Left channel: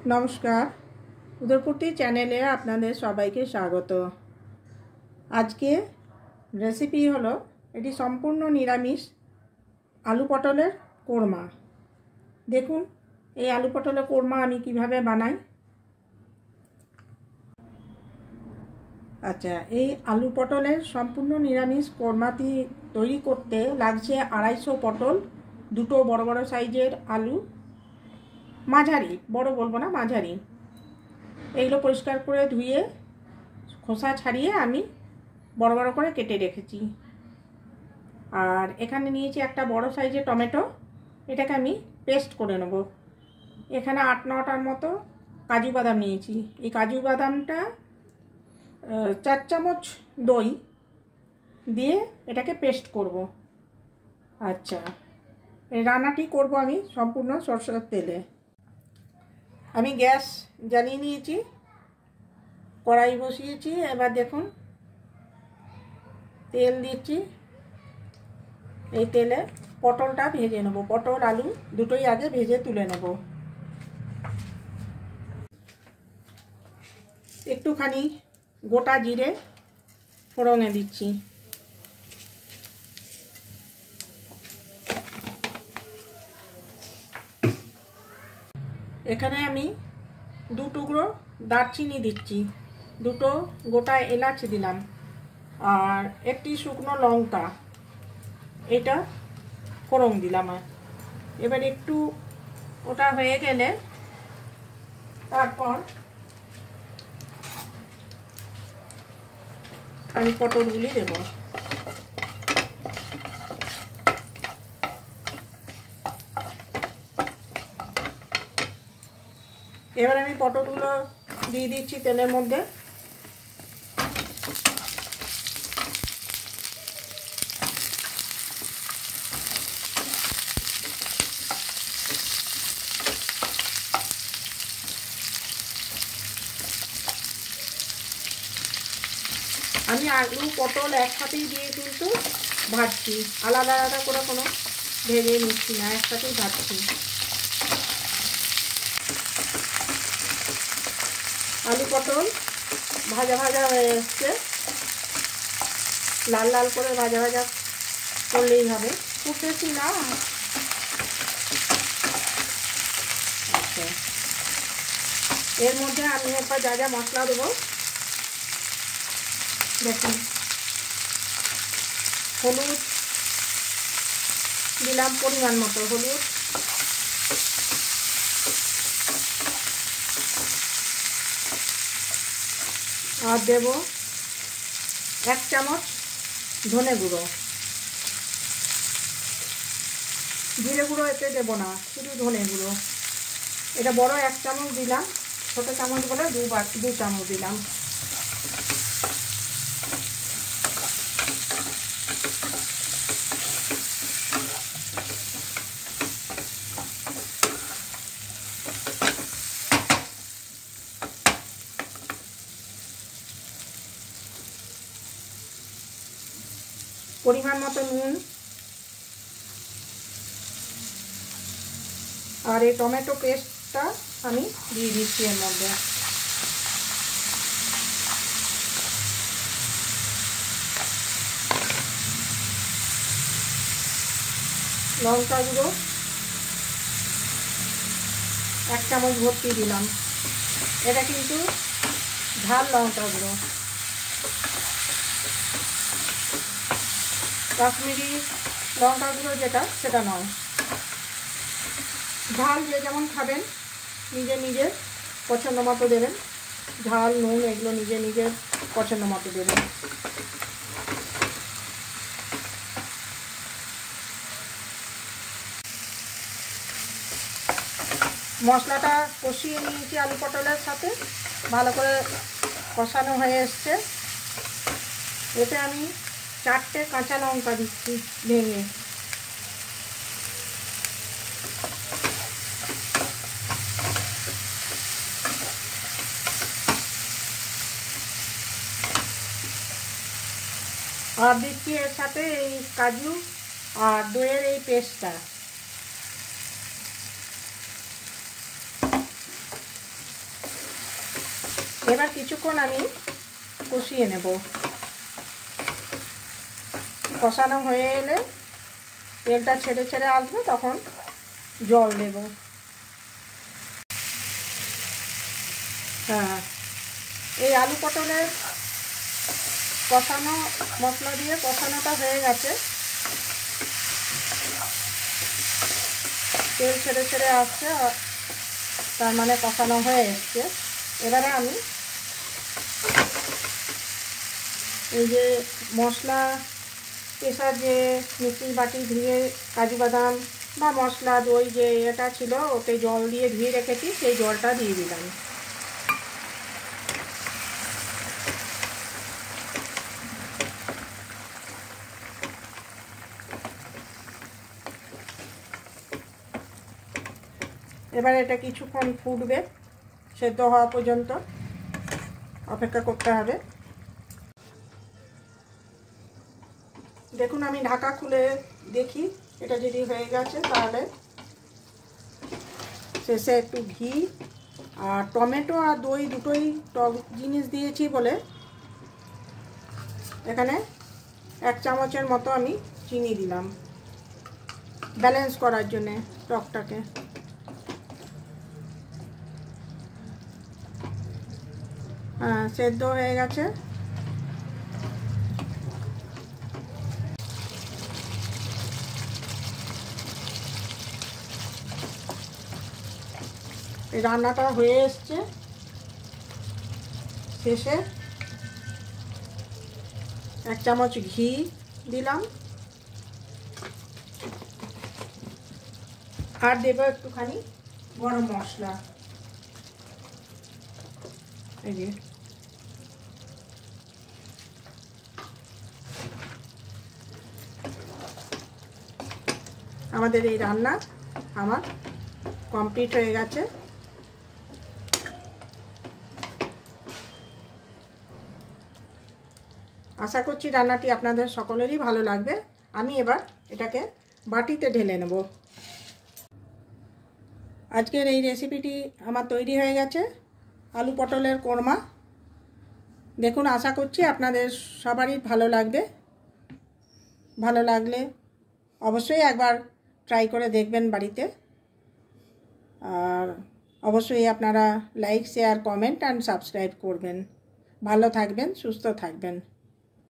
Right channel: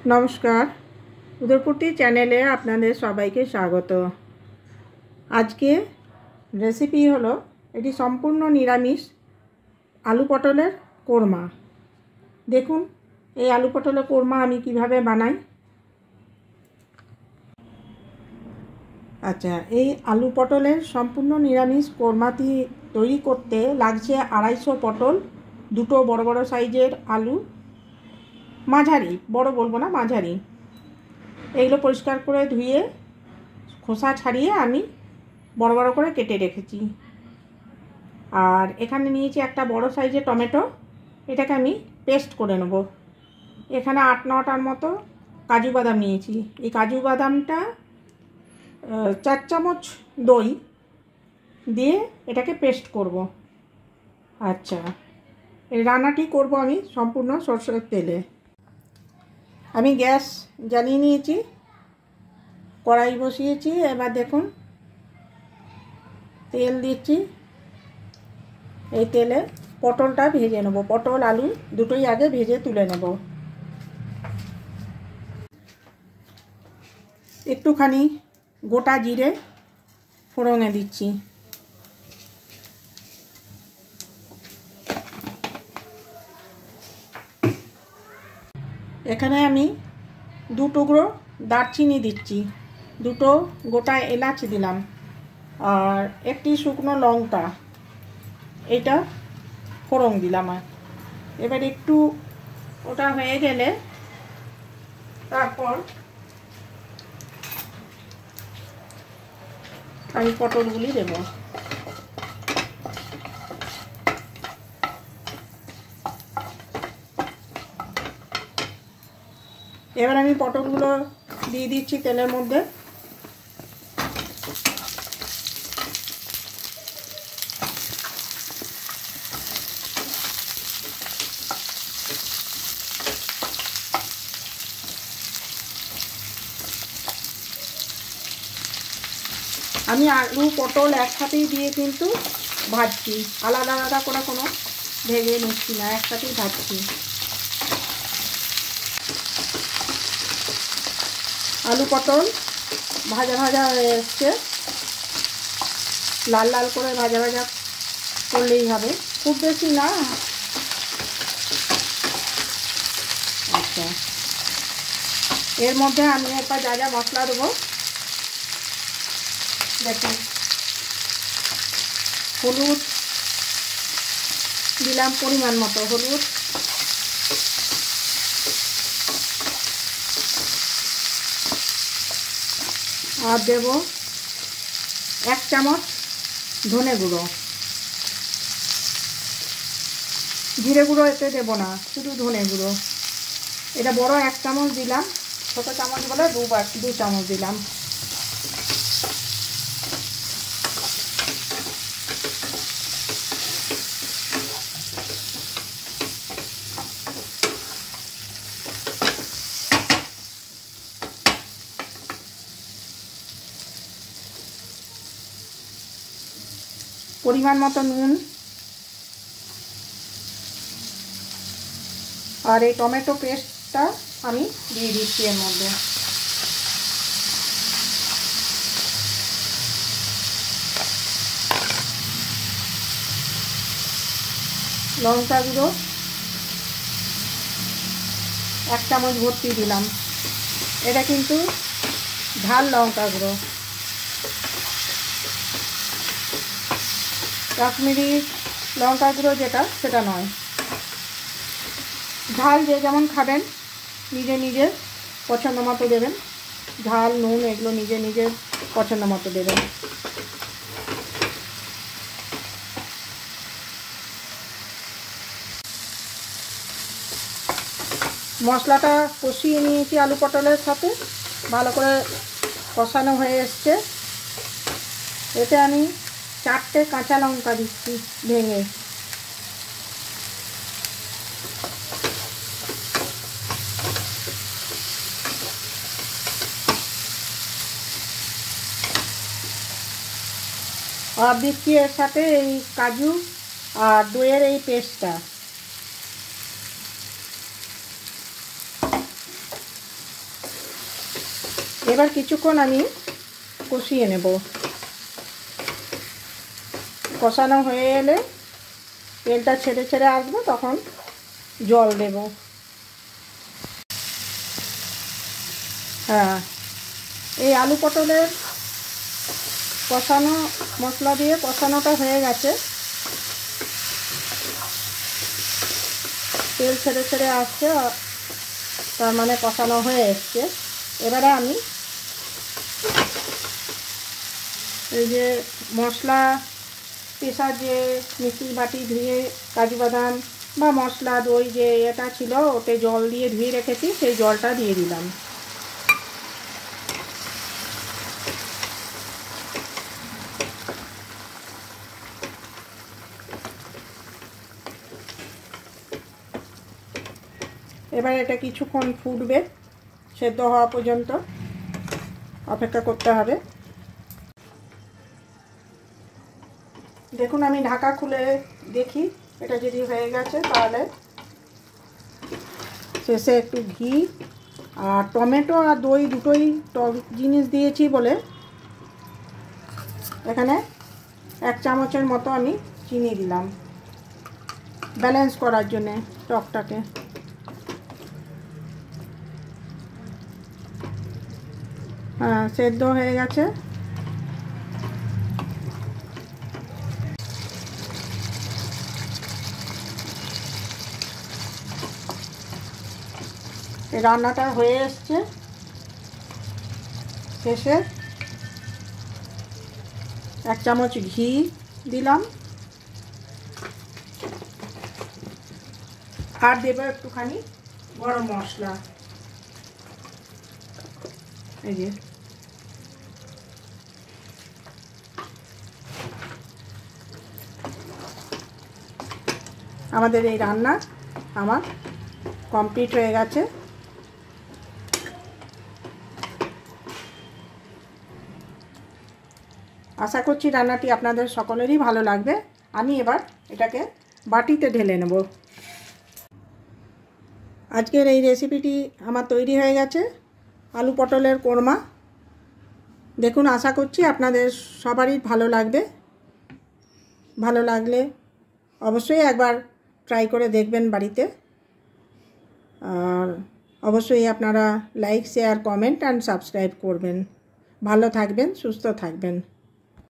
नमस्कार उदयपुरती चैनेले आपनादेर सबाइके स्वागत। आज के रेसिपि हलो एटी सम्पूर्ण निरामिष आलू पटलेर कोरमा। देखुन ये आलू पटलेर कोरमा आमी किभाबे बानाई। अच्छा, ये आलू पटलेर सम्पूर्ण निरामिष कोरमाटी तैरी करते लागछे 250 पटल, दुटो बड़ बड़ साइजेर आलू, माझारी बड़ बोलबो ना माझारी, एगुलो परिष्कार करे धुए खोसा छाड़िए आमी बड़ बड़ करे केटे रेखेছি। और एखाने निয়েছি একটা বড় সাইজের টমেটো, এটাকে আমি পেস্ট করে নেব। এখানে 8-9টার মতো কাজু বাদাম নিয়েছি। এই কাজু বাদামটা 4 চামচ দই দিয়ে এটাকে পেস্ট করব। আচ্ছা, এই রান্নাটি করব আমি সম্পূর্ণ সরষের তেলে। আমি গ্যাস জ্বালিয়ে নিয়েছি, কড়াই বসিয়েছি। এবার দেখুন তেল দিচ্ছি। এই তেলে পটলটা ভেজে নেব। পটল আলু দুটোই আগে ভেজে তুলে নেব। একটুখানি গোটা জিরে ফোড়নে দিচ্ছি। এখানে আমি 2 টুকরো দারচিনি দিচ্ছি, 2টো গোটা এলাচ দিলাম, আর একটি শুকনো লঙ্কা এটা ফোড়ন দিলাম। এবার একটু ওটা হয়ে গেলে তারপর আমি পটলগুলি দেব। এবার আমি পটলগুলো দিয়ে দিচ্ছি তেলের মধ্যে। আমি আলু পটল একসাথেই দিয়ে কিন্তু ভাজছি, আলাদা আলাদা করে কোনো ভেজে নিচ্ছি না, একসাথেই ভাজছি। আলু পটল ভাজা ভাজা হয়ে এসছে, লাল লাল করে ভাজা ভাজা করলেই হবে, খুব বেশি না। আচ্ছা, এর মধ্যে আমি এরপর যা যা মশলা দেবো দেখুন। হলুদ দিলাম পরিমাণ মতো হলুদ, আর দেব 1 চামচ ধনে গুঁড়ো। জিরে গুঁড়ো এতে দেব না, শুধু ধনে গুঁড়ো। এটা বড় 1 চামচ দিলাম, ছোট চামচ বলে 2 চামচ দিলাম। পরিমাণ মতো নুন, আর এই টমেটো পেস্টটা আমি দিয়ে দিচ্ছি এর মধ্যে। লঙ্কা গুঁড়ো 1 চামচ ভর্তি দিলাম। এটা কিন্তু ঝাল লঙ্কা গুঁড়ো, কাশ্মীরি লঙ্কা গুঁড়ো যেটা সেটা নয়। ঝাল যে যেমন খাবেন নিজে নিজের পছন্দ মতো দেবেন, ঝাল নুন এগুলো নিজে নিজের পছন্দ মতো দেবেন। মশলাটা কষিয়ে নিয়েছি আলু পটলের সাথে, ভালো করে কষানো হয়ে এসছে। এতে আমি 4টে কাঁচা লঙ্কা দিচ্ছি ভেঙে। আর দিচ্ছি এর সাথে এই কাজু আর দইয়ের এই পেস্টটা। এবার কিছুক্ষণ আমি কষিয়ে নেব। কষানো হয়ে এলে তেলটা ছেড়ে ছেড়ে আসবে, তখন জল দেব। হ্যাঁ, এই আলু পটলের কষানো, মশলা দিয়ে কষানোটা হয়ে গেছে, তেল ছেড়ে ছেড়ে আসছে, তার মানে কষানো হয়ে এসছে। এবারে আমি এই যে মশলা পেশার যে মিক্সির বাটি ধুয়ে কাজু বাদাম বা মশলা দই যে এটা ছিল, ওতে জল দিয়ে ধুয়ে রেখেছি, সেই জলটা দিয়ে দিলাম। এবার এটা কিছুক্ষণ ফুটবে, সেদ্ধ হওয়া পর্যন্ত অপেক্ষা করতে হবে। দেখুন, আমি ঢাকা খুলে দেখি, এটা যদি হয়ে গেছে তাহলে শেষে একটু ঘি আর টমেটো আর দই দুটোই টক জিনিস দিয়েছি বলে এখানে 1 চামচের মতো আমি চিনি দিলাম, ব্যালেন্স করার জন্যে টকটাকে। হ্যাঁ, সেদ্ধ হয়ে গেছে। এই রান্নাটা হয়ে এসছে। শেষে 1 চামচ ঘি দিলাম, আর দেবো একটুখানি গরম মশলা। এই যে আমাদের এই রান্না আমার কমপ্লিট হয়ে গেছে। আশা করছি রান্নাটি আপনাদের সকলেরই ভালো লাগবে। আমি এবার এটাকে বাটিতে ঢেলে নেব। আজকের এই রেসিপিটি আমার তৈরি হয়ে গেছে, আলু পটলের কোরমা। দেখুন, আশা করছি আপনাদের সবারই ভালো লাগবে। ভালো লাগলে অবশ্যই একবার ট্রাই করে দেখবেন বাড়িতে। আর অবশ্যই আপনারা like, share, comment and subscribe করবেন। ভালো থাকবেন, সুস্থ থাকবেন।